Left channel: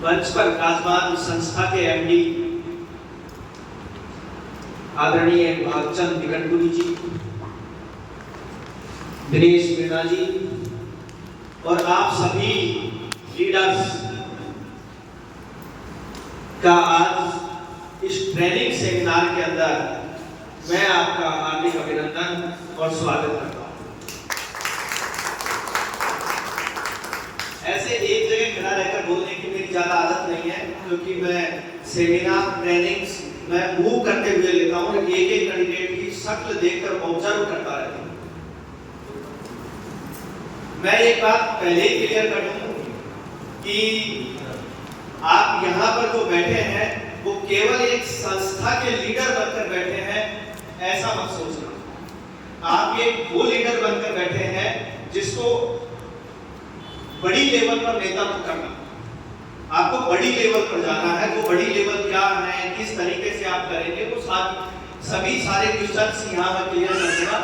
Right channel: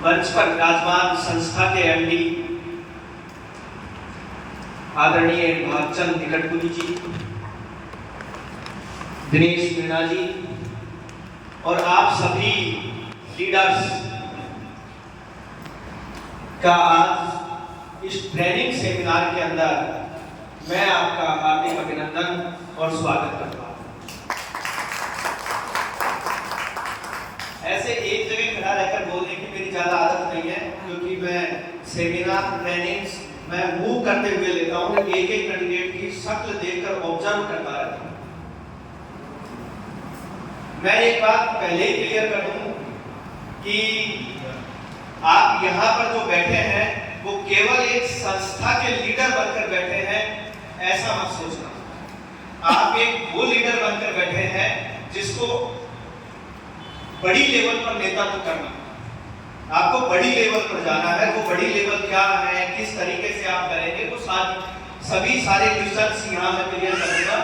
मंच पर विराजमान संस्था के एमडी आदरणीय भागचंद निकटपुरी जी, दिनेश मीणा जी और आप सभी लीडर्स का आज इस ट्रेनिंग सेमिनार के अंदर मैं आपका हार्दिक अभिनंदन और स्वागत करता हूं। ऐसे एक जगह खड़ा रहकर बोलने की मेरी ज्यादा आदत नहीं है, क्योंकि मैं सेमिनार ट्रेनिंग्स मैं मूव करते हुए लेता हूं, एक एक कैंडिडेट की शक्ल देखकर ऑब्जर्व करता रहता हूं। मैं एक बात पहले ही क्लियर कर दूं कि आप यहाँ पर जो बैठे हैं वो केवल एक संस्था के लीडर बनकर बैठे हैं, ऐसा मत सोचना। आप एक वो लीडर बनकर बैठे हैं जिसको बड़ी लेवल पर नेतृत्व करना, आपको बड़ी लेवल पर जाना है। वो बड़ी लेवल क्या है, किस तरीके से आप करेंगे, तो सभी सारे क्वेश्चन यहाँ मैं क्लियर कर दूंगा।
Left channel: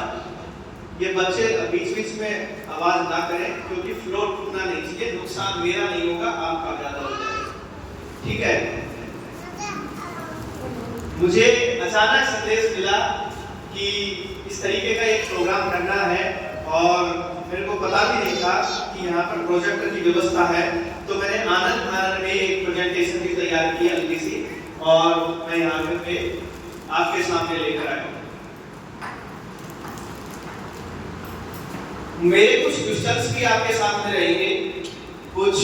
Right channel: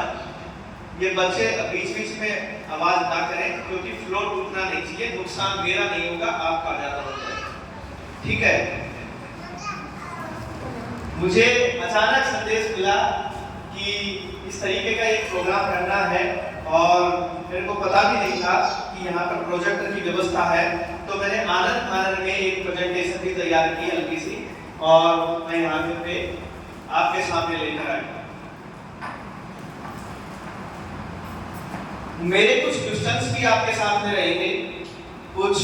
ये बच्चे बीच बीच में आवाज ना करें, क्योंकि फ्लोर टूटना नहीं चाहिए, नुकसान मेरा नहीं होगा, आपका ज्यादा हो जाएगा, ठीक है। मुझे अचानक संदेश मिला कि इस तरीके का एक प्रोग्राम करना है और मेरे को पता भी नहीं था कि यहाँ पर प्रोजेक्टर की व्यवस्था है, तो मैंने आनंद में एक प्रेजेंटेशन भी तैयार की हल्की सी, और मैं यहाँ पे आपके सामने लेकर आया हूँ। मेरे कुछ क्वेश्चंस भी आपके सामने रहेंगे, कुछ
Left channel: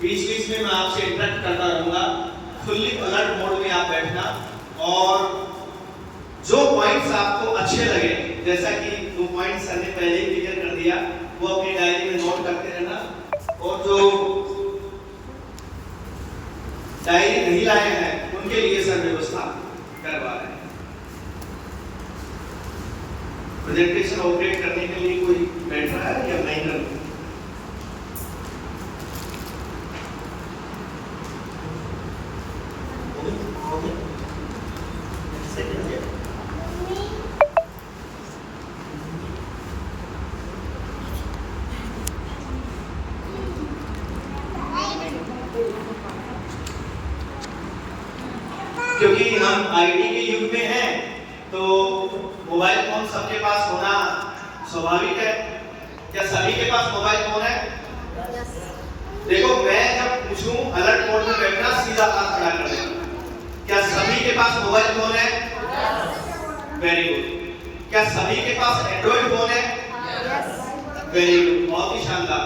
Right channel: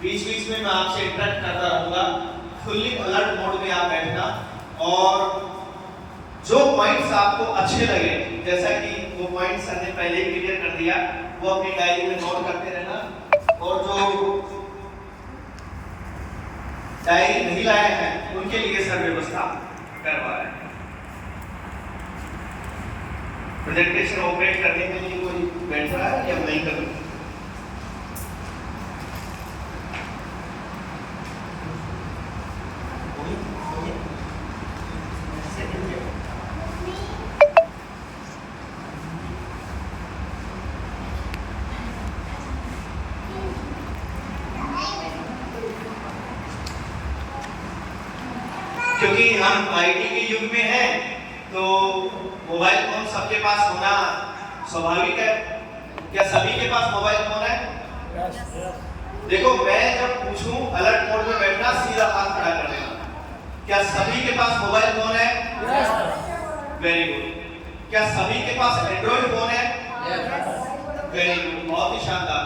बीच बीच में मैं आपसे इंटरेक्ट करता रहूंगा। फुल्ली अलर्ट मोड में आप बैठना, और जो पॉइंट्स आपको अच्छे लगे, जैसा कि वो पॉइंट्स सर ने पहले ही क्लियर कर दिया, वो अपनी डायरी में नोट करते रहना, और जो डायरी नहीं लाए हैं उनके लिए सर व्यवस्था करवा रहे हैं। प्रेजेंटेशन ऑपरेट करने के लिए कोई बैठ रहा है या नहीं कर रहा? क्योंकि हम आईटी के युग में हैं, तो मोबाइल फोन सबके पास होना स्वाभाविक है। क्या सभी के पास मोबाइल फोन है? देखो, मैं जब पूछूं अलर्ट मोड में बैठना, सीधा हाथ खड़ा कर देना। क्या सभी के पास मोबाइल फोन है? Very good. क्या सभी के पास एंड्रॉइड फोन है? वेरी गुड, बहुत ही शानदार।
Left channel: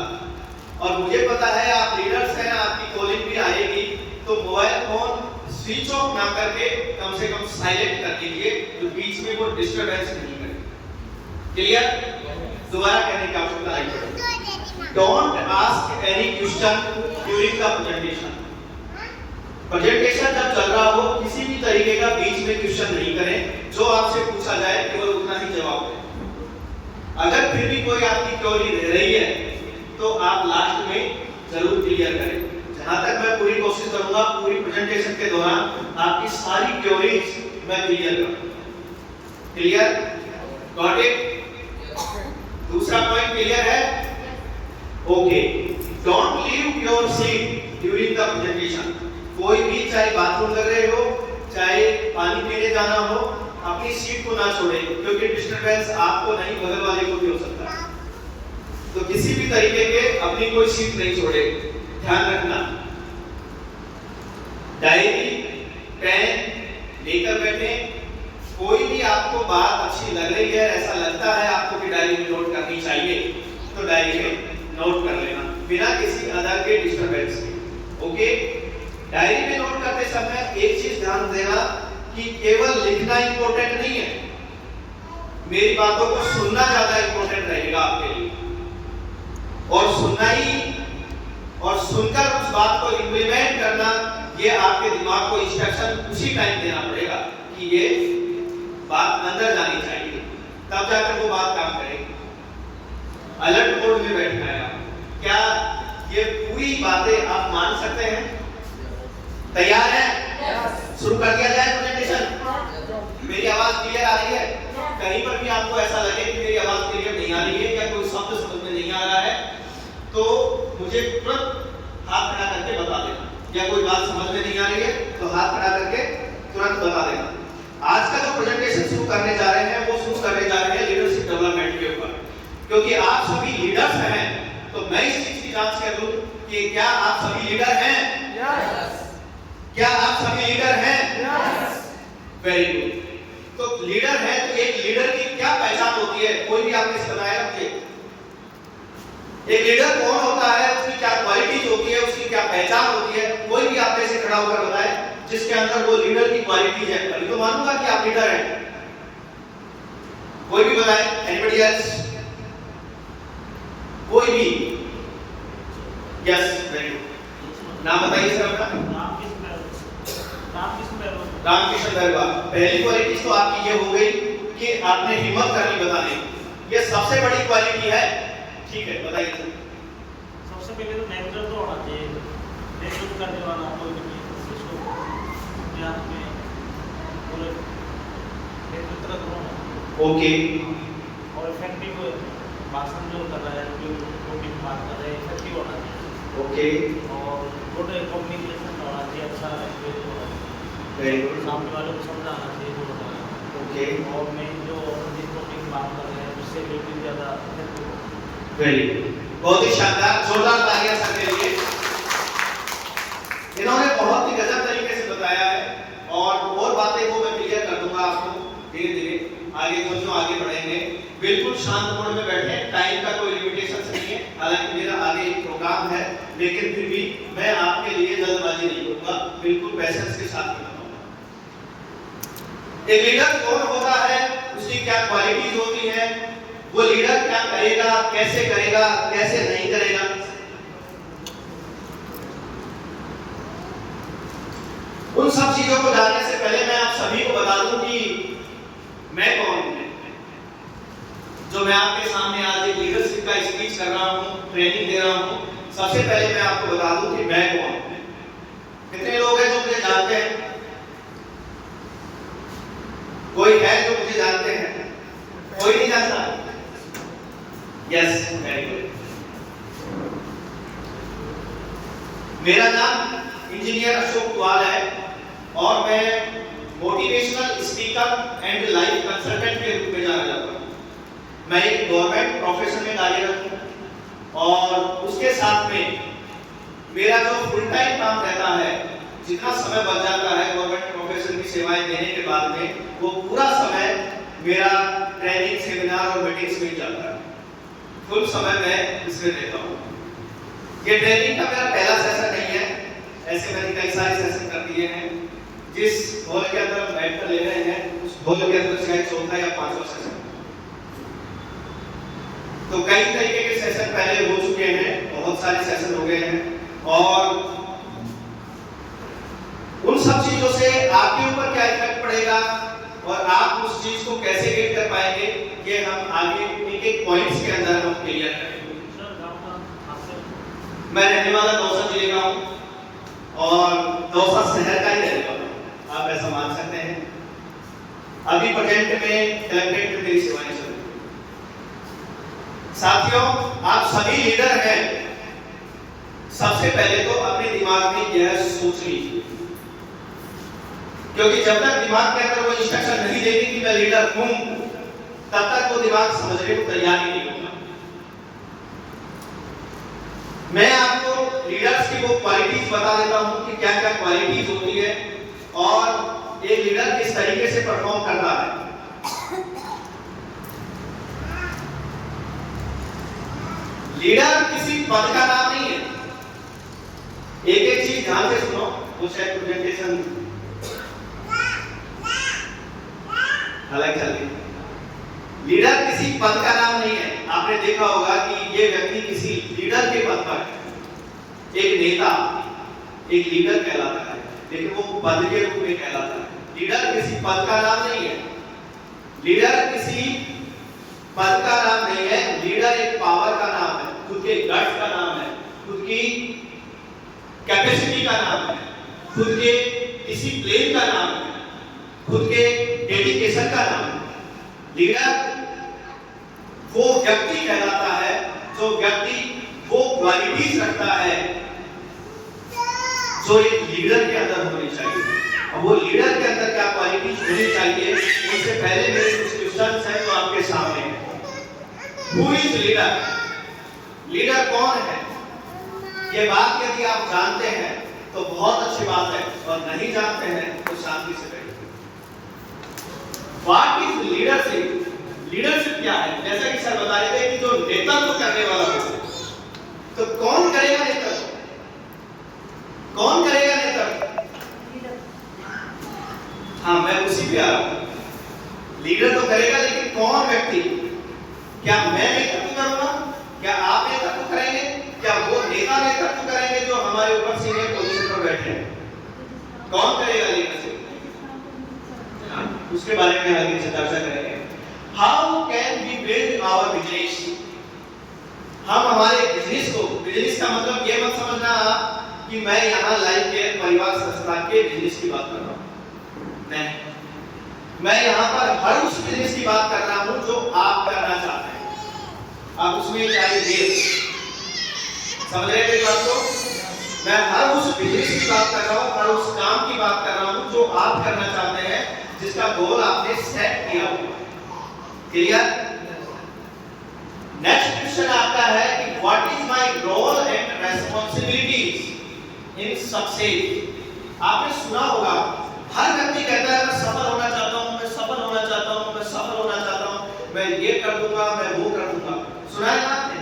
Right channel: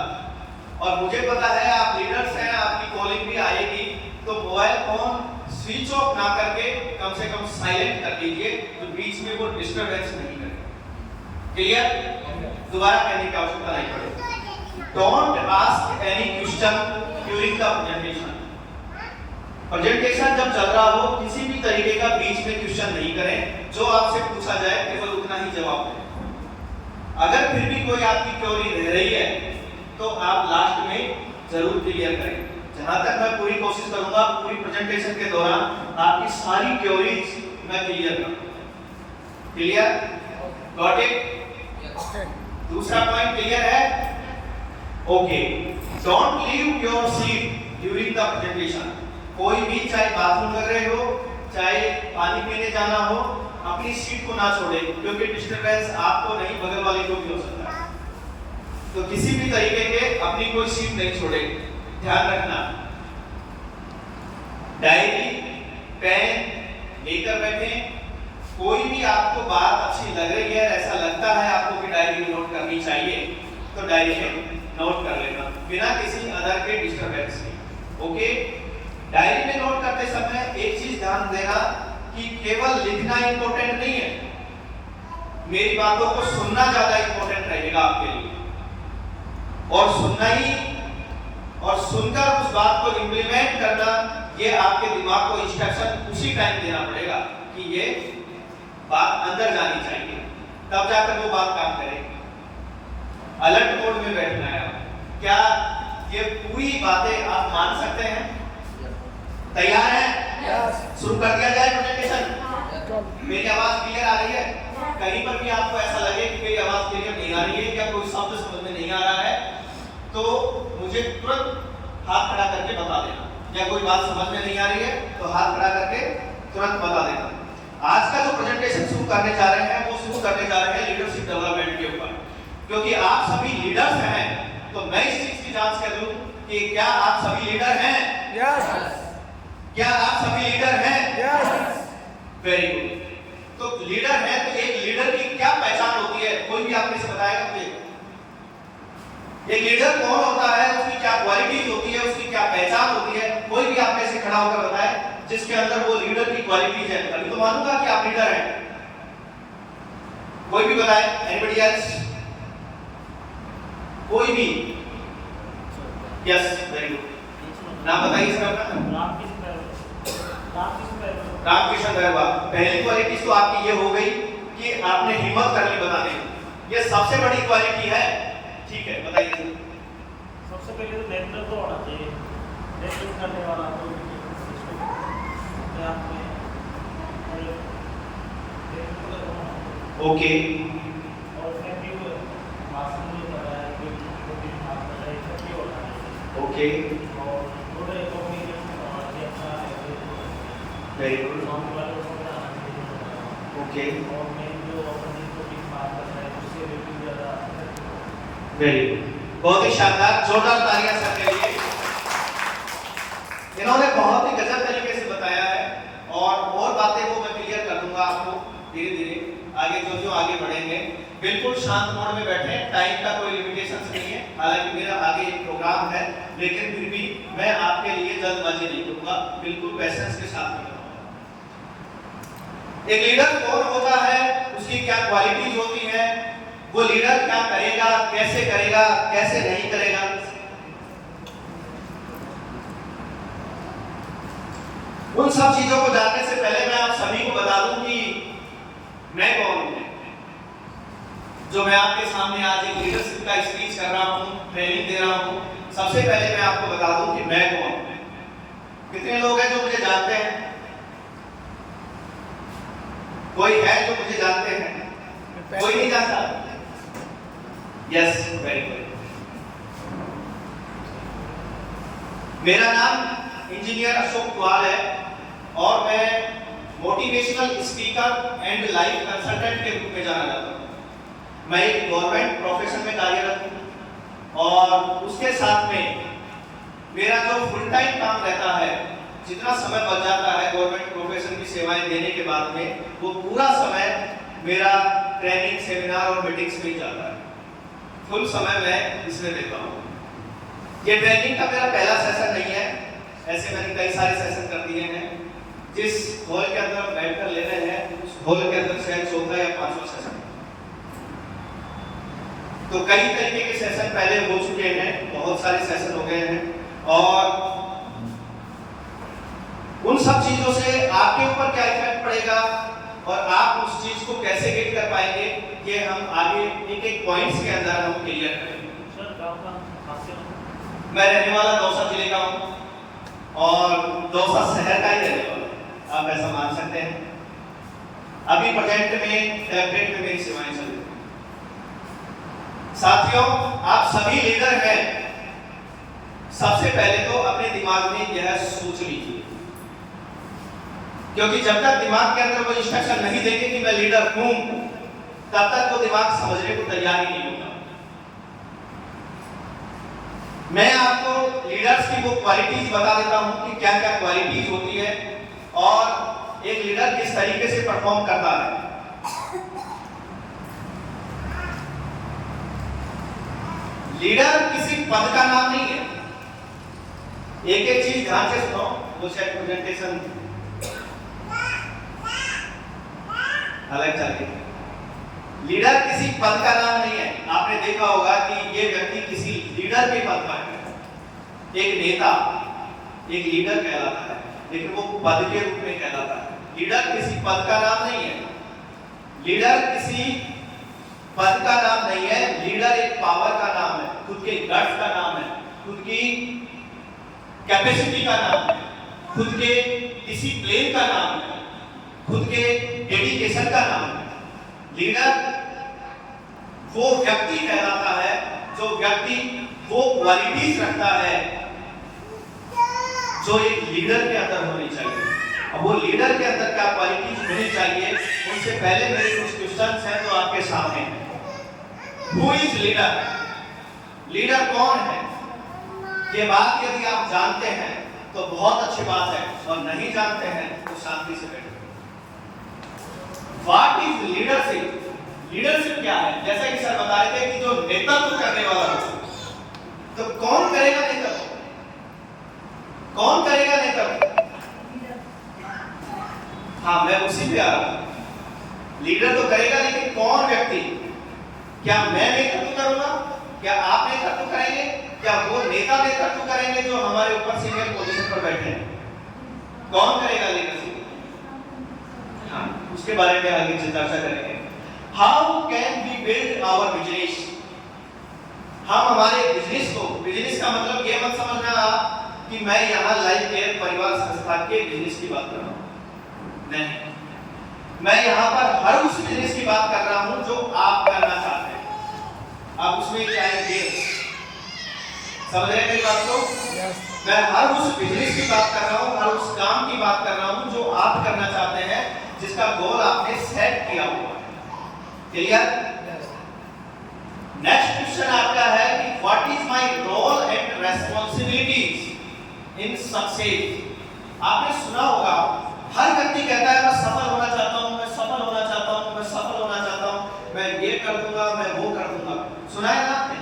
और मुझे पता है आप लीडर्स हैं, आपकी कॉलिंग भी आएगी, तो मोबाइल फोन स्विच ऑफ ना करके कम से कम साइलेंट कर दीजिए, तो बीच में वो डिस्टरबेंस नहीं करे। क्लियर? दोबारा कहने की आवश्यकता नहीं पड़ेगी। Don't ask any question during the presentation. Presentation जब चल रहा हो, किसी भी तरीके का बीच में क्वेश्चन नहीं करें। जो आपसे पूछा जाए केवल उतना ही जवाब दें। अगर फिर भी कोई आपकी क्वेरी रह रही है, तो आप लास्ट में जरूर क्लियर करें। जहां तक मैं पूरी कोशिश करूंगा पूरी प्रेजेंटेशन के दौरान आपकी सारी क्वेरीज मैं क्लियर करूं। क्लियर? Got it? दूसरा पॉइंट क्लियर है? Okay. Don't leave your seat during the presentation. कोई भी, चाहे बाथरूम लग रहे हो, चाहे पानी पीने जाना हो, अपनी सीट को ना छोड़े, क्योंकि डिस्टरबेंस आपको नहीं बगल वाले को भी हो सकता है। तो किसी भी तरीके के अपनी कोई सीट नहीं छोड़े, ध्यान रखना। डायरी पेन लेकर बैठे। कोई भी आपको बात अच्छी लग रही है, ऐसा लगता है आपको कि डायरी में नोट करनी चाहिए, तो डायरी में नोट कर लेना बिना किसी अदर के डिस्टरबेंस के। ओके? डायरी में नोट करते समय एक चीज ध्यान देना कि केवल लिखना इंपॉर्टेंट नहीं है, मेरी बातों को सुनना ज्यादा इंपॉर्टेंट रहेगा आपके लिए। और सुनना ही और सुनकर उस बात को इंप्लीमेंट करना, ये आपके दिमाग को इंस्ट्रक्शन उसी टाइम देना पड़ेगा कि ये बात अंदर जानी चाहिए, तब जाकर वो बात काम करेगी। अलर्ट मोड में बैठना है आप। क्या ये पूरी बातें आप मान सकते हैं? तैयार हैं? शुरू कर दिया जाए प्रेजेंटेशन। मेरी आवाज क्लियर आ रही है? कहीं पर भी आपको ऐसा लगे कि मेरी आवाज क्लियर नहीं आ रही है, या कोई शब्द समझ में नहीं आ रहा है, तो मुझे तुरंत हाथ खड़ा करके बता देना। कोई बात समझ में नहीं आ रही है तो हाथ खड़ा करके तुरंत बता देना। आज का जो प्रेजेंटेशन शुरू करने जा रहे हैं वो शुरू करने जा रहे हैं लीडरशिप डेवलपमेंट के ऊपर, क्योंकि आप सभी लीडर्स हैं। तो मैं इस चीज की जांच कर लूं कि क्या आप सभी लीडर हैं? यस। क्या आप सभी लीडर हैं? यस। Very good. तो लीडर है तो एक लीडर की क्या पहचान होती है? कोई भी आपने से बताएगा मुझे? एक लीडर कौन होता है, उसकी क्या क्वालिटीज होती है, उसकी क्या पहचान होती है? कोई भी आप में से खड़ा होकर बताए जिसके अंदर वो लीडर की क्वालिटीज है, तभी तो मानूंगा कि आप लीडर हैं। कोई भी बताए? Anybody else? कोई भी? Yes, very good. नाम बताइए सर अपना। रामकृष्ण गरबा। पहली क्वालिटी तो आपकी ये हो गई कि आपने हिम्मत कर ली बताने की, ये सबसे बड़ी क्वालिटी है। ठीक है, बताइए। सबसे पहले तो नेतृत्व तो होना चाहिए, नेतृत्व करने वाला कोई भी उसको अपने आप में नेतृत्व होना चाहिए। ओके। और इफेक्टिव भाषण जो कर रहा है, जो भी बात कर रहा है, इफेक्टिव होना चाहिए। ओके। और गुड कम्युनिकेशन होना चाहिए, अच्छा लैंग्वेज होना चाहिए, सामने वाले को समझाना चाहिए जो होता है। ओके। और मेन जो अपन जिस टॉपिक की बात कर रहे हैं उससे रिलेटेड ज़्यादा इफेक्टिव हो। वेरी गुड, बहुत ही शानदार, जोरदार तालियां सबके लिए। इन्होंने बहुत ही गजब तरीके से बताया है और बातें वो मैं क्लियर कर दूंगा आपको धीरे धीरे आगे जो आगे बढ़ेंगे। बिल्कुल शांत मोड में बैठे, टाइम का कोई लिमिटेशन नहीं है। हालांकि मेरा आगे एक प्रोग्राम है, लेकिन फिर भी मैं आपके लिए जल्दबाजी नहीं करूंगा, बिल्कुल पेशेंस के साथ बताऊंगा। एक लीडर कौन होता है, उसकी क्या क्वालिटीज होती है, वो लीडर क्या करेगा, कैसे नहीं करेगा। उन सब चीजों को जानने से पहले मैं आप सभी को बता दूं कि मैं कौन हूं। जो मैं आपके सामने आज एक लीडरशिप का स्पीच कर रहा हूं, ट्रेनिंग दे रहा हूं, सबसे पहले मैं आपको बता दूं कि मैं कौन हूं। कितने लोग हैं जो मुझे जानते हैं? कोई है जो मुझे जानते हैं? कोई नहीं जानता? Yes, very good. मेरा नाम इंजीनियर अशोक कुआल है और मैं motivational speaker and life consultant के रूप में जाना जाता हूँ। मैं एक गवर्नमेंट प्रोफेशन में कार्यरत हूँ और उसके साथ में मेरा जो फुल टाइम काम रहता है, जितना समय बच जाता है गवर्नमेंट प्रोफेशन की सेवाएं देने के बाद में, वो पूरा समय मेरा ट्रेनिंग, सेमिनार और मीटिंग्स में जाता है। फुल समय मैं इसमें देता हूँ। ये ट्रेनिंग का मेरा पहला सेशन नहीं है, ऐसे मैंने कई सारे सेशन कर दिए हैं। जिस हॉल के अंदर हम बैठकर ले रहे हैं उस हॉल के अंदर शायद चौथा या पांचवा सेशन, तो कई तरीके के सेशन पहले हो चुके हैं, बहुत सारे सेशन हो गए हैं। और उन सब चीजों से आपके ऊपर क्या इफेक्ट पड़ेगा और आप उस चीज को कैसे गेट कर पाएंगे, ये हम आगे एक एक पॉइंट्स के अंदर हम क्लियर करेंगे। मैं रहने वाला दौसा जिले का हूँ और दौसा शहर का ही रहने वाला हूँ, आप ऐसा मान सकते हैं। अभी प्रेजेंट में कलेक्ट्रेट में मेरी सेवाएं चल रही हैं। साथियों, आप सभी लीडर हैं। सबसे पहले तो अपने दिमाग में यह सोच लीजिए, क्योंकि जब तक दिमाग के अंदर वो इंस्ट्रक्शन नहीं देंगे कि मैं लीडर हूं, तब तक वो दिमाग समझने को तैयार ही नहीं होगा। मैं आपको लीडर्स की वो क्वालिटीज बता देता हूं कि क्या क्या क्वालिटीज होती है और एक लीडर किस तरीके से परफॉर्म करता है। लीडर किसी पद का नाम नहीं है। एक एक चीज ध्यान से सुनो, वो शायद प्रेजेंटेशन अलग चल रही है। लीडर किसी पद का नाम नहीं है। आपने देखा होगा कि ये व्यक्ति किसी लीडर के पद पर है। एक नेता एक लीडर कहलाता है, लेकिन वो पद के रूप में कहलाता है। लीडर किसी पद का नाम नहीं है। लीडर किसी पद का नाम नहीं है। लीडर एक पावर का नाम है, खुद के गट्स का नाम है, खुद की कैपेसिटी का नाम है, खुद के डिसिप्लिन का नाम है, खुद के डेडिकेशन का नाम है। लीडर वो व्यक्ति कहलाता है जो व्यक्ति वो क्वालिटीज रखता है जो एक लीडर के अंदर होनी चाहिए। अब वो लीडर के अंदर क्या क्वालिटीज होनी चाहिए, उससे पहले मेरे कुछ क्वेश्चंस हैं जो आपके सामने हैं। Who is leader? लीडर कौन है? ये बात यदि आप जानते हैं तो बहुत अच्छी बात है, और नहीं जानते हैं तो शांति से बैठिए। What is leadership? लीडरशिप क्या है? जैसा कि सर बता रहे थे कि जो नेतृत्व करने वाला हो, तो कौन करेगा नेतृत्व? कौन करेगा नेतृत्व? हाँ, मैं उसी पे आ रहा हूं। लीडर तो करेगा, लेकिन कौन व्यक्ति? क्या मैं नेतृत्व करूंगा? क्या आप नेतृत्व करेंगे? क्या वो नेता नेतृत्व करेंगे जो हमारे ऊपर सीनियर पोजीशन पर बैठे हैं? कौन करेगा लीडरशिप? हाँ, उसके बारे में आगे चर्चा करेंगे। How can we build our business? हम हमारे बिजनेस को, बिजनेस का मतलब ये मत समझना आप कि मैं यहाँ लाइफ केयर परिवार संस्था के बिजनेस की बात कर रहा हूँ, नहीं। मैं यहाँ पर हर उस बिजनेस की बात कर रहा हूँ जो आप करना चाहते हैं। आप उसमें चाहे देश, समझ रहे हैं बात को? मैं हर उस बिजनेस की बात कर रहा हूँ, हर उस काम की बात कर रहा हूँ जो आप करना चाहते हैं, जिसका गोल आपने सेट किया हुआ। क्लियर? नेक्स्ट क्वेश्चन आपका है कि what is my role and responsibilities in success? आपने सुना होगा, हर व्यक्ति कहता है मैं सफल होना चाहता हूँ, मैं सफल होना चाहता हूँ, मैं सफल होना चाहता हूँ, मैं ये कर दूंगा, मैं वो कर दूंगा। सुना है ना आपने?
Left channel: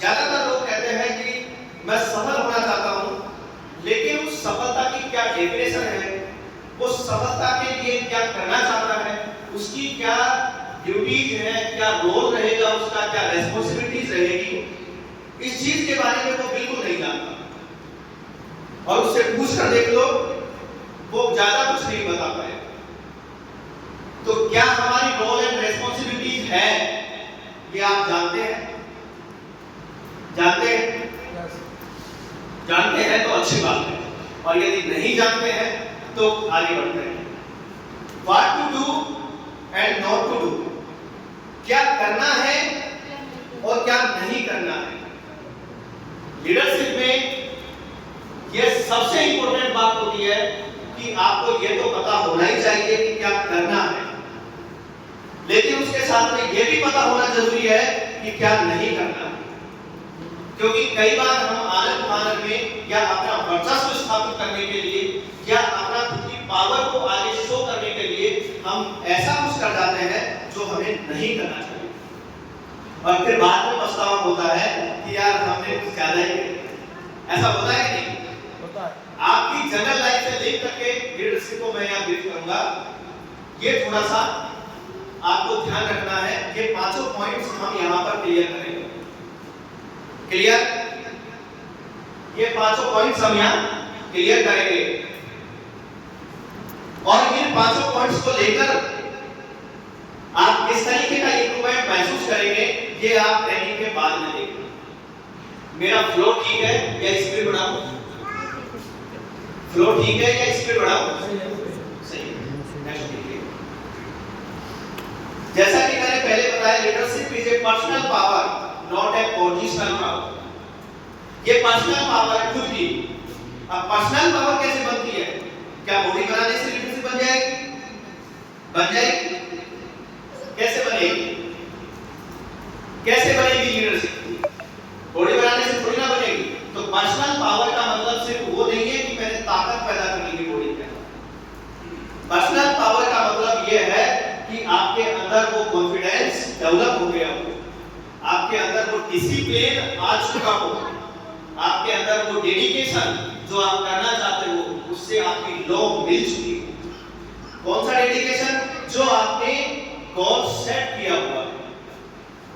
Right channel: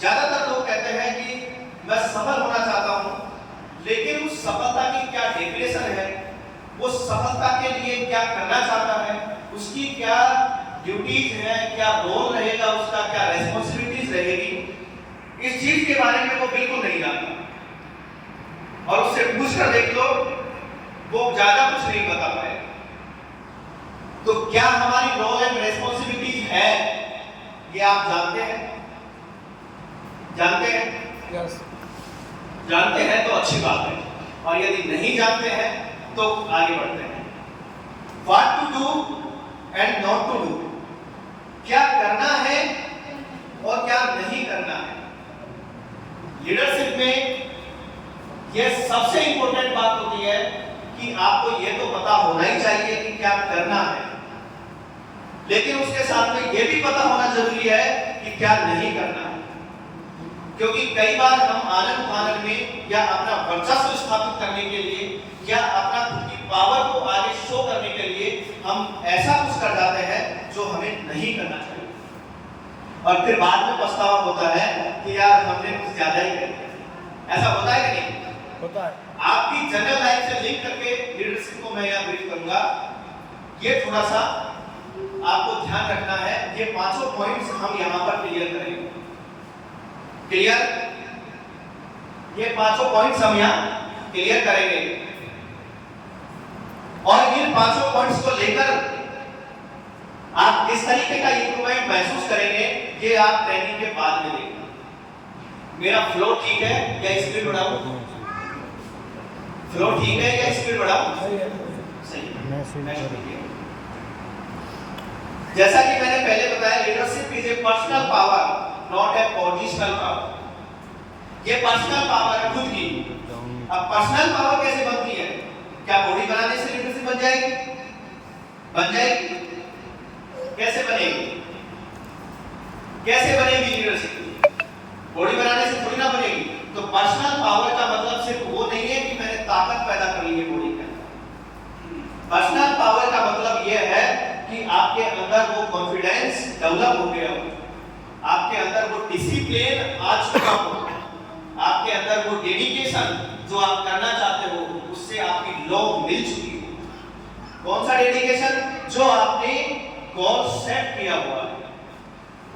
ज्यादातर लोग कहते हैं कि मैं सफल होना चाहता हूँ, लेकिन उस सफलता की क्या डेफिनेशन है, वो सफलता के लिए क्या करना चाहता है, उसकी क्या ड्यूटीज है, क्या रोल रहेगा उसका, क्या रेस्पॉन्सिबिलिटीज रहेगी, इस चीज के बारे में वो बिल्कुल नहीं जानता। और उससे पूछ कर देख लो, वो ज्यादा कुछ नहीं बता पाएगा। तो क्या हमारी रोल एंड रेस्पॉन्सिबिलिटीज है, ये आप जानते हैं? जानते हैं? जानते हैं तो अच्छी बात है, और यदि नहीं जानते हैं तो आगे बढ़ते हैं। What to do and not to do, क्या करना है और क्या नहीं करना है। लीडरशिप में यह सबसे इंपॉर्टेंट बात होती है कि आपको यह तो पता होना ही चाहिए कि क्या करना है, लेकिन उसके साथ में यह भी पता होना जरूरी है कि क्या नहीं करना है। क्योंकि कई बार हम आनंद फानन में या अपना वर्चस्व स्थापित करने के लिए या अपना खुद की पावर को आगे शो करने के लिए हम ऐसा कुछ कर जाते हैं जो हमें नहीं करना चाहिए, और फिर बाद में पछतावा होता है कि यार हमने कुछ ज्यादा ही किया। ऐसा होता है कि नहीं? होता है। आपकी जनरल लाइफ से लिंक करके लीडरशिप को मैं यहाँ ब्रीफ करूंगा। ये थोड़ा सा आपको ध्यान रखना है, ये पांचों पॉइंट्स हम यहाँ पर क्लियर करेंगे। क्लियर? ये पांचों पॉइंट्स हम यहाँ क्लियर करेंगे, और इन पांचों पॉइंट्स को लेकर आप किस तरीके का इम्प्रूवमेंट महसूस करेंगे, ये आप ट्रेनिंग के बाद में देखना। मेरा फ्लो ठीक है या स्पीड बढ़ाऊं? फ्लो ठीक है या स्पीड बढ़ाऊं? सही है। जैसा कि मैंने पहले बताया, leadership is a personal power, not a positional power. ये पर्सनल पावर है खुद की। अब पर्सनल पावर कैसे बनती है? क्या बॉडी बनाने से लीडरशिप बन जाएगी? बन जाएगी? कैसे बनेगी? कैसे बनेगी लीडरशिप? बॉडी बनाने से थोड़ी ना बनेगी। तो पर्सनल पावर का मतलब सिर्फ वो नहीं है कि मैंने ताकत पैदा कर ली है बॉडी के अंदर। पर्सनल पावर का मतलब ये है कि आपके अंदर वो कॉन्फिडेंस डेवलप हो गया हो, आपके अंदर वो डिसिप्लिन आ चुका हो, आपके अंदर वो डेडिकेशन जो आप करना चाहते हो उससे आपकी लॉ मिल चुकी हो। कौन सा डेडिकेशन? जो आपने गोल सेट किया हुआ है,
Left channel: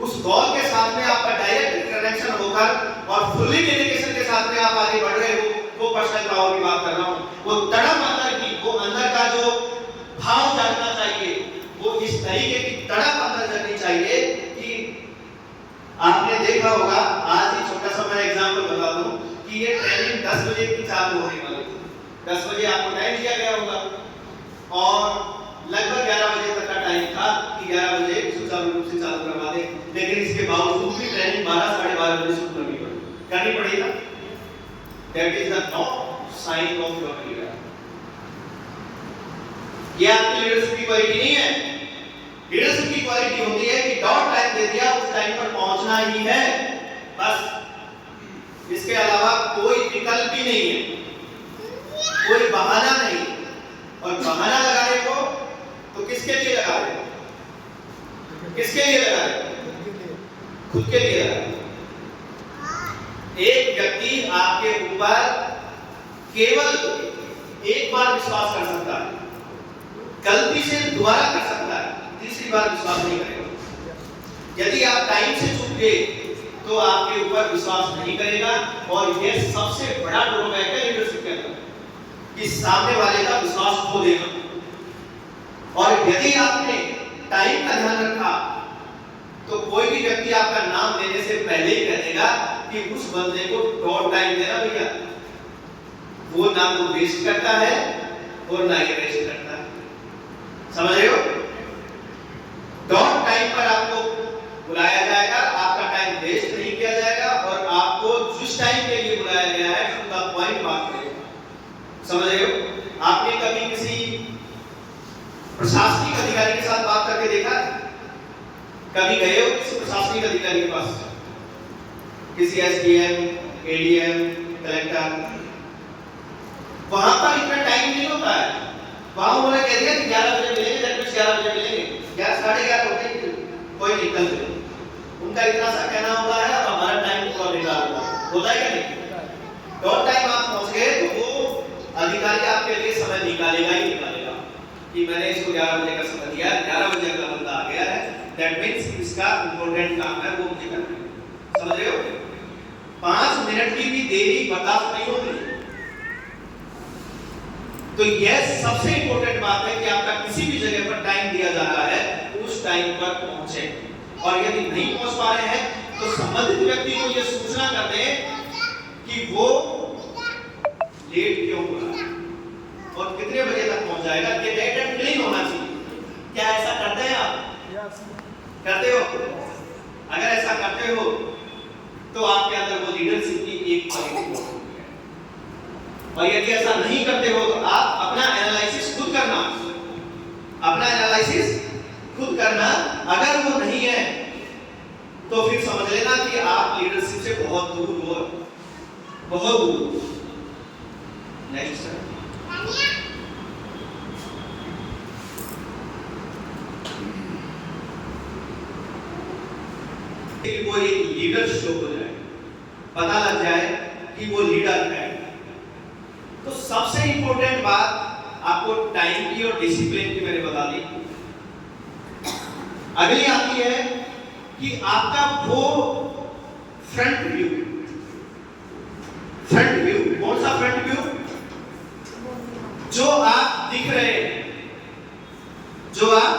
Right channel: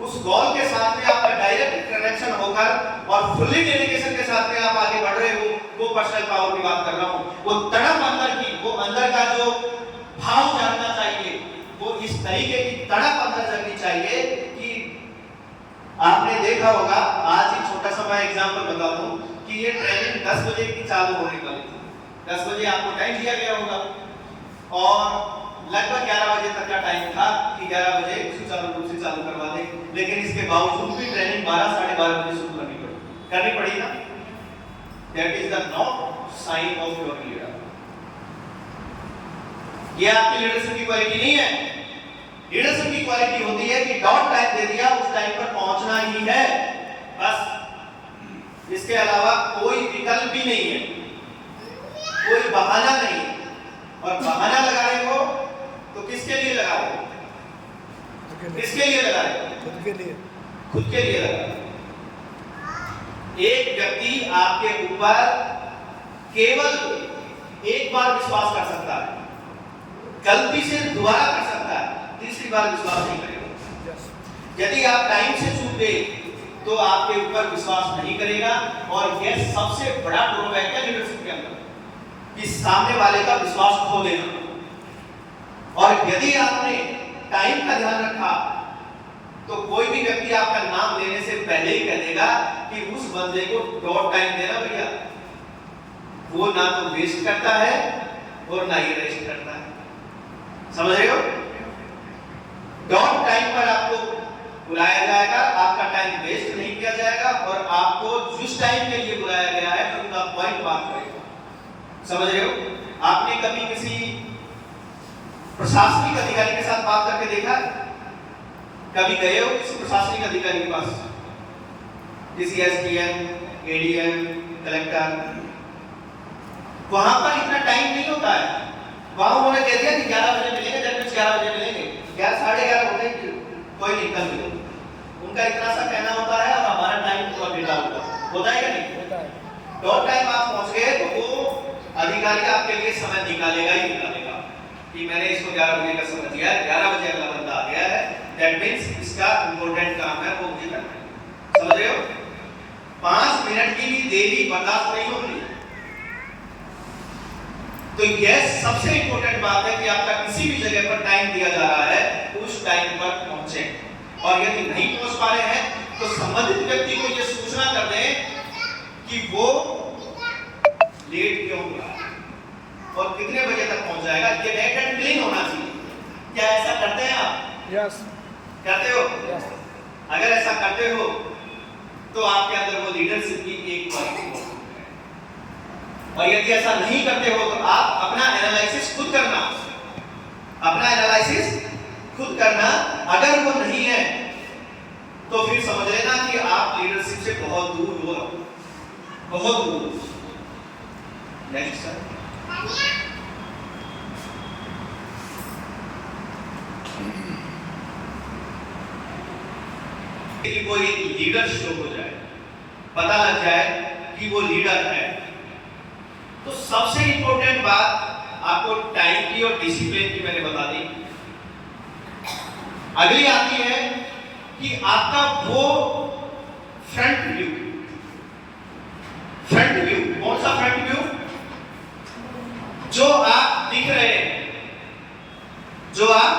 उस गोल के साथ में आपका डायरेक्ट कनेक्शन होकर और फुली डेडिकेशन के साथ में आप आगे बढ़ रहे हो, वो पर्सनल पावर की बात कर रहा हूँ। वो तड़प अंदर की, वो अंदर का जो भाव जानना चाहिए, वो इस तरीके की तड़प अंदर जगनी चाहिए कि आपने देखा होगा। आज ही छोटा सा मैं एग्जांपल बता दूं कि ये ट्रेनिंग 10 बजे की चालू होने वाली थी। 10 बजे आपको टाइम दिया गया होगा और लगभग 11 बजे तक का टाइम था कि 11 बजे सुचारू रूप से चालू करवा दें, लेकिन इसके बावजूद भी ट्रेनिंग 12 साढ़े 12 बजे शुरू करनी पड़ी ना। That is the not sign of your leader. ये आपकी लीडरशिप की क्वालिटी नहीं है। लीडरशिप की क्वालिटी होती है कि डॉट टाइम दे दिया, उस टाइम पर पहुंचना ही है, बस। इसके अलावा कोई विकल्प ही नहीं है, कोई बहाना नहीं। और बहाना लगा रहे हो तो किसके लिए लगा रहे हो? किसके लिए लगा रहे हो? खुद के लिए लगा रहे हो। एक व्यक्ति आपके ऊपर केवल एक बार विश्वास कर सकता है, गलती से दोबारा कर सकता है, तीसरी बार विश्वास नहीं करेगा। यदि आप टाइम से चूक गए तो आपके ऊपर विश्वास नहीं करेगा। और यह सबसे बड़ा ड्रॉबैक है लीडरशिप के अंदर, कि सामने वाले का विश्वास खो देना। और यदि आपने टाइम का ध्यान रखा तो कोई भी व्यक्ति आपका नाम लेने से पहले ही कह देगा कि उस बंदे को डॉट टाइम देना भैया। वो ना तो वेस्ट करता है और ना ही वेस्ट करता है। समझ रहे हो? डॉट टाइम पर आपको बुलाया जाएगा, आपका टाइम वेस्ट नहीं किया जाएगा, और आपको जिस टाइम के लिए बुलाया गया है खुद आप पॉइंट बात करेंगे। समझ रहे हो? आपने कभी किसी प्रशासनिक अधिकारी के साथ बात करके देखा? कभी गए हो किसी प्रशासनिक अधिकारी के पास? किसी एसडीएम, एडीएम, कलेक्टर? वहां पर इतना टाइम नहीं होता है। वहां उन्होंने कह दिया कि 11 बजे मिलेंगे, 11 बजे मिलेंगे, 11:30 होते हैं, कोई निकल गए। उनका इतना सा कहना होता है अब हमारा टाइम पूरा बेकार होता है कि नहीं? डॉट टाइम आप पहुंच गए तो वो अधिकारी आपके लिए समय निकालेगा ही निकालेगा कि मैंने इसको 11 बजे का समय दिया है, 11 बजे का बंदा आ गया है, दैट मींस इसका इंपॉर्टेंट काम है वो मुझे करना है। समझ रहे हो? 5 मिनट की भी देरी बर्दाश्त नहीं होगी। तो यह सबसे इंपॉर्टेंट बात है कि आपका किसी भी जगह पर टाइम दिया जा रहा है, उस टाइम पर पहुंचे। और यदि नहीं पहुंच पा रहे हैं तो संबंधित व्यक्ति को यह सूचना कर दें कि वो लेट क्यों हो रहा है और कितने बजे तक पहुंच जाएगा। ये नेट एंड क्लीन होना चाहिए। क्या ऐसा करते हैं आप? यस। करते हो? अगर ऐसा करते हो तो आपके अंदर वो लीडरशिप की एक क्वालिटी हो। और यदि ऐसा नहीं करते हो तो आप अपना एनालिसिस खुद करना, अपना एनालिसिस खुद करना। अगर वो नहीं है तो फिर समझ लेना कि आप लीडरशिप से बहुत दूर हो, बहुत दूर। Next sir. कि वो एक लीडर शो हो जाए, पता लग जाए कि वो लीडर है। तो सबसे इंपॉर्टेंट बात आपको टाइम की और डिसिप्लिन की मैंने बता दी। अगली आती है कि आपका वो फ्रंट व्यू। फ्रंट व्यू कौन सा फ्रंट व्यू? जो आप दिख रहे हैं, जो आप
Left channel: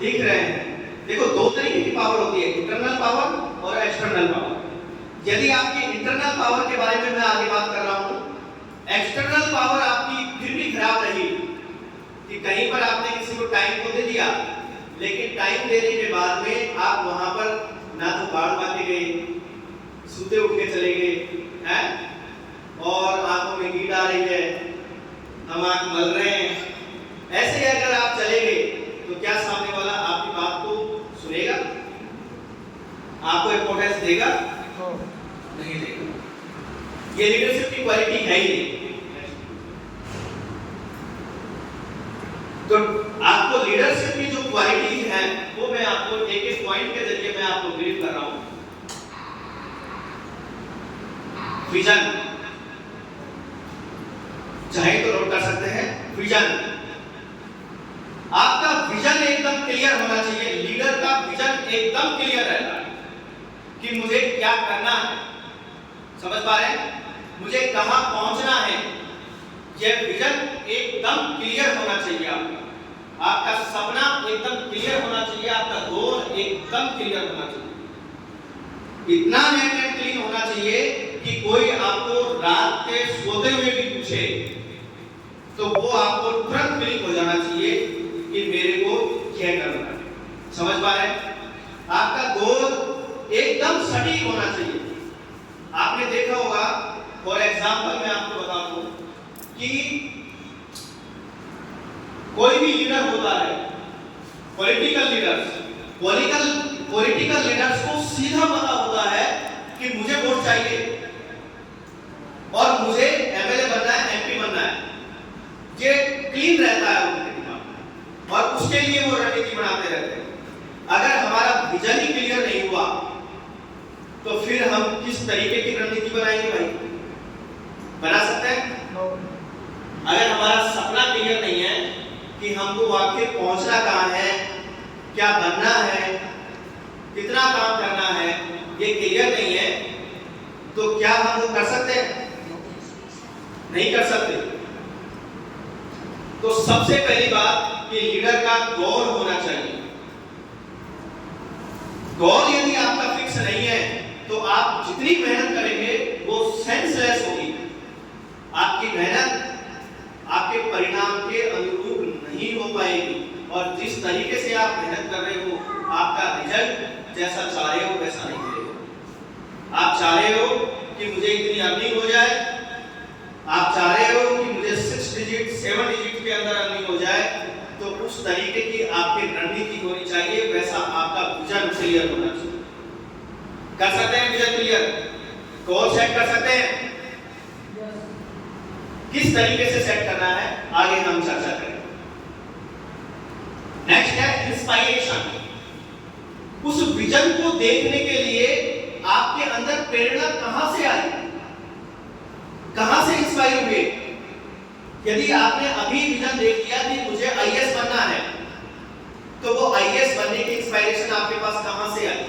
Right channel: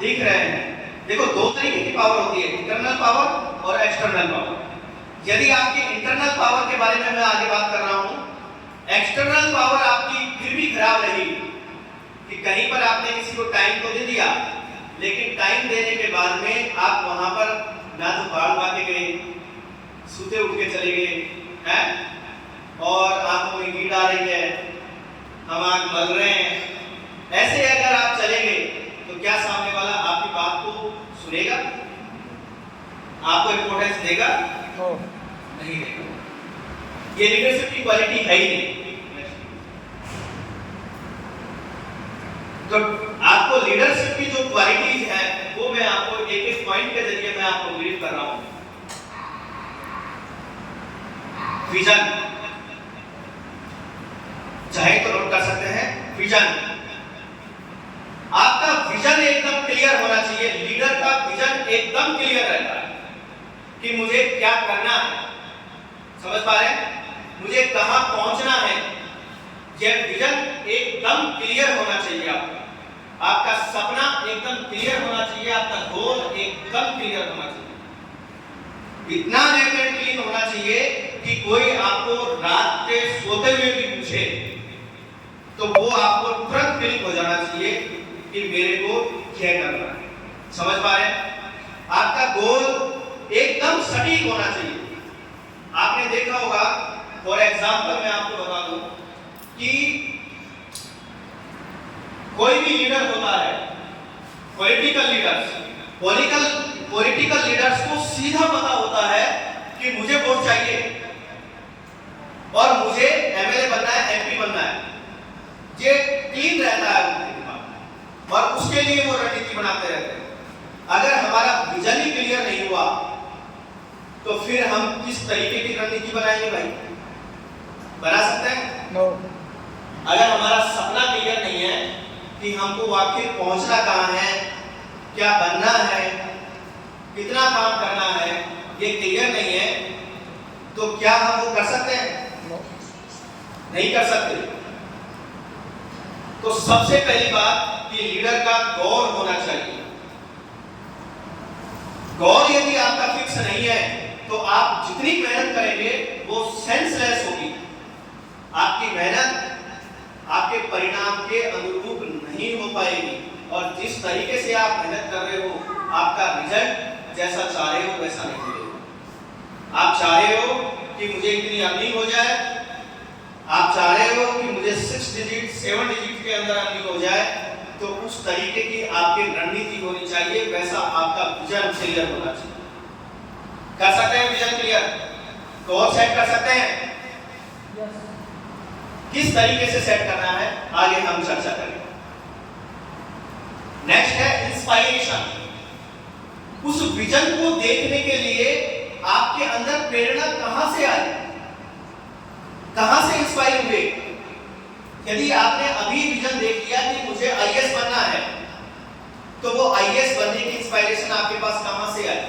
दिख रहे हैं। देखो दो तरीके की पावर होती है, इंटरनल पावर और एक्सटर्नल पावर। यदि आपकी इंटरनल पावर के बारे में मैं आगे बात कर रहा हूं, एक्सटर्नल पावर आपकी फिर भी खराब रही कि कहीं पर आपने किसी को टाइम तो दे दिया, लेकिन टाइम देने के बाद में आप वहां पर ना तो बाढ़ आके गए, सूते उठ के चले गए हैं, और आंखों में नींद आ रही है, हम आंख मल रहे हैं। ऐसे अगर आप चले गए तो क्या सामने वाला आपकी बात को सुनेगा? आपको इंपॉर्टेंस देगा? नहीं देगा। ये लीडरशिप की क्वालिटी है ही नहीं। तो आपको लीडरशिप की जो क्वालिटीज है वो मैं आपको एक एक पॉइंट के जरिए मैं आपको ब्रीफ कर रहा हूं। विजन, चाहे तो नोट कर सकते हैं। विजन, आपका विजन एकदम क्लियर होना चाहिए। लीडर का विजन एकदम क्लियर रहता है कि मुझे क्या करना है। समझ पा रहे हैं? मुझे कहां पहुंचना है। यह विजन एकदम क्लियर होना चाहिए। आपका सपना एकदम क्लियर होना चाहिए, आपका गोल एकदम क्लियर होना चाहिए। इतना नेट एंड क्लीन होना चाहिए कि कोई आपको रात के सोते हुए भी पूछे तो वो आपको तुरंत क्लिक हो जाना चाहिए कि मेरे को क्या करना है। समझ पा रहे हैं? आपका गोल एकदम सटीक होना चाहिए। आपने देखा होगा, फॉर एग्जांपल मैं आपको बता दूं कोई भी लीडर होता है, पॉलिटिकल लीडर्स को सीधा पता होता है कि मुझे वोट चाहिए और मुझे एमएलए बनना है, एमपी बनना है। ये क्लीन रहता है उनके दिमाग और उसके लिए वो रणनीति बनाते रहते हैं। अगर हमारा विजन ही क्लियर नहीं हुआ तो फिर हम किस तरीके की रणनीति बनाएंगे भाई? बना सकते हैं? No. अगर हमारा सपना क्लियर नहीं है कि हमको वाकई पहुंचना कहां है, क्या बनना है, कितना काम करना है, ये क्लियर नहीं है, तो क्या हम वो कर सकते हैं? नहीं कर सकते। तो सबसे पहली बात कि लीडर का गोल होना चाहिए। गोल यदि आपका फिक्स नहीं है तो आप जितनी मेहनत करेंगे वो सेंसलेस होगी। आपकी मेहनत आपके परिणाम के अनुरूप नहीं हो पाएगी और जिस तरीके से आप मेहनत कर रहे हो आपका रिजल्ट जैसा चाह रहे हो वैसा नहीं मिलेगा। आप चाह रहे हो कि मुझे इतनी अर्निंग हो जाए, आप चाह रहे हो कि मुझे 6 डिजिट 7 डिजिट के अंदर अर्निंग हो जाए, तो उस तरीके की आपकी रणनीति होनी चाहिए, वैसा आपका विजन क्लियर होना चाहिए। कर सकते हैं विजन क्लियर? गोल सेट कर सकते हैं? किस तरीके से सेट करना है आगे हम चर्चा करेंगे। नेक्स्ट है इंस्पायरेशन। उस विजन को देखने के लिए आपके अंदर प्रेरणा कहां से आई, कहां से इंस्पायर हुए? यदि आपने अभी विजन देख लिया कि मुझे आईएएस बनना है, तो वो आईएएस बनने की इंस्पायरेशन आपके पास कहां से आई?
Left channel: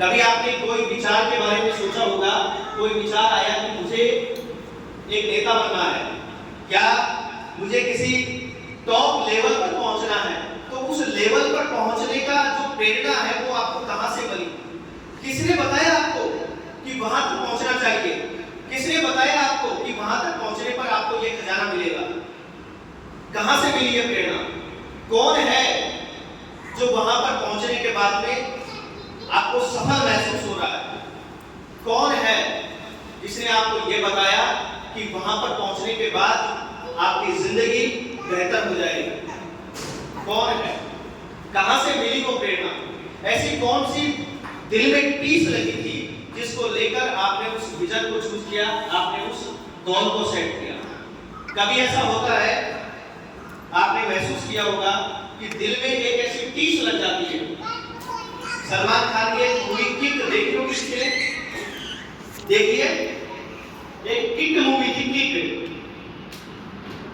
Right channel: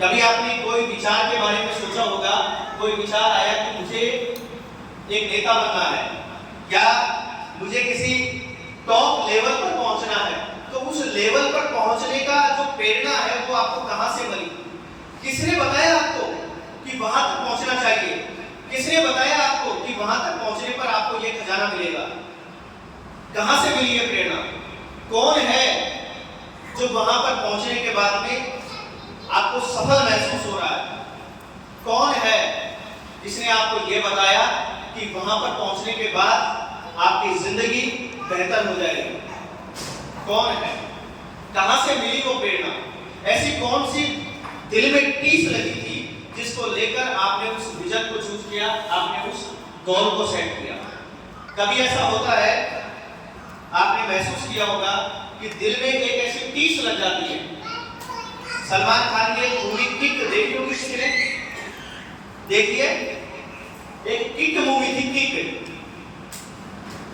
कभी आपने कोई विचार के बारे में सोचा होगा, कोई विचार आया कि मुझे एक नेता बनना है या मुझे किसी टॉप लेवल पर पहुंचना है, तो उस लेवल पर पहुंचने का जो प्रेरणा है वो आपको कहां से मिली? किसने बताया आपको कि वहां तक पहुंचना चाहिए? किसने बताया आपको कि वहां तक पहुंचने पर आपको ये खजाना मिलेगा? कहां से मिली ये प्रेरणा? कौन है जो वहां पर पहुंचने के बाद में आपको सफल महसूस हो रहा है? कौन है जिसने आपको ये बताया कि वहां पर पहुंचने के बाद आपकी जिंदगी बेहतर हो जाएगी? कौन है? कहां से मिली वो प्रेरणा? ऐसी कौन सी दिल में टीस लगी थी जिसको लेकर आपने उस विजन को चूज किया, आपने उस गोल को सेट किया? कभी ऐसा होता है, आपने महसूस किया होगा कि दिल में एक ऐसी टीस लग जाती है। सलमान खान की मूवी किक देखी होगी किसी ने? देखिए, एक किक मूवी थी, किक।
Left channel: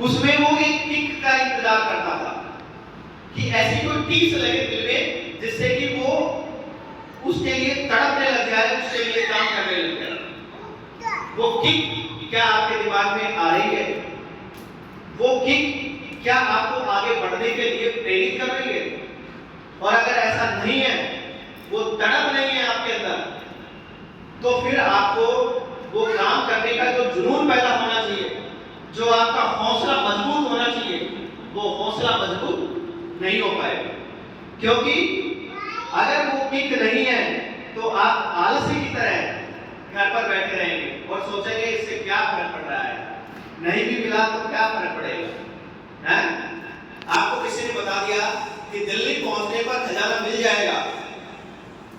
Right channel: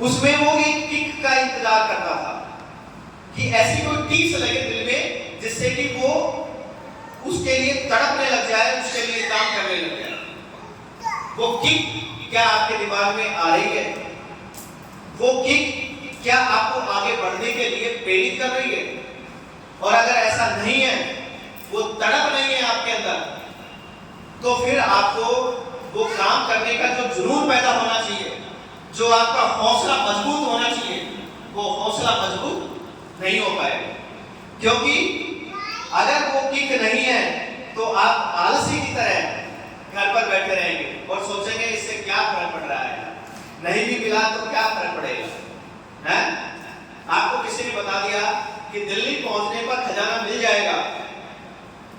उसमें वो एक किक का इंतजार करता था कि ऐसी कोई टीस लगे दिल में जिससे कि वो उसके लिए तड़पने लग जाए, उसके लिए काम करने लग जाए। वो किक क्या आपके दिमाग में आ रही है? वो किक क्या आपको आगे बढ़ने के लिए प्रेरित कर रही है? और अगर ऐसा नहीं है, वो तड़प नहीं है आपके अंदर, तो फिर आपको वो काम करने का जो जुनून पैदा होना चाहिए, जो आपका हौसला मजबूत होना चाहिए, वो हौसला मजबूत नहीं हो पाएगा। क्योंकि अगर वो किक नहीं है तो आप आलसी की तरह घर पर बैठे रहेंगे और सोचेंगे इससे क्या फर्क पड़ रहा है, नहीं भी मिला तो क्या फर्क पड़ेगा, हैं? आपको किसी ने बता दिया कि दिल्ली पहुंचने पर खजाना मिल जाएगा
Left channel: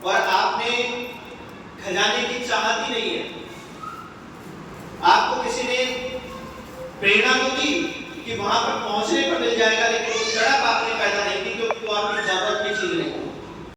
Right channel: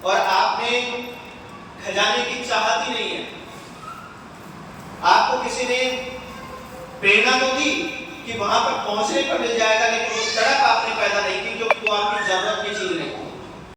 और आपने खजाने की चाहत ही नहीं है। आपको किसी ने प्रेरणा तो दी कि वहां पर पहुंचने पर मिल जाएगा, लेकिन वो तड़प आपने पैदा नहीं की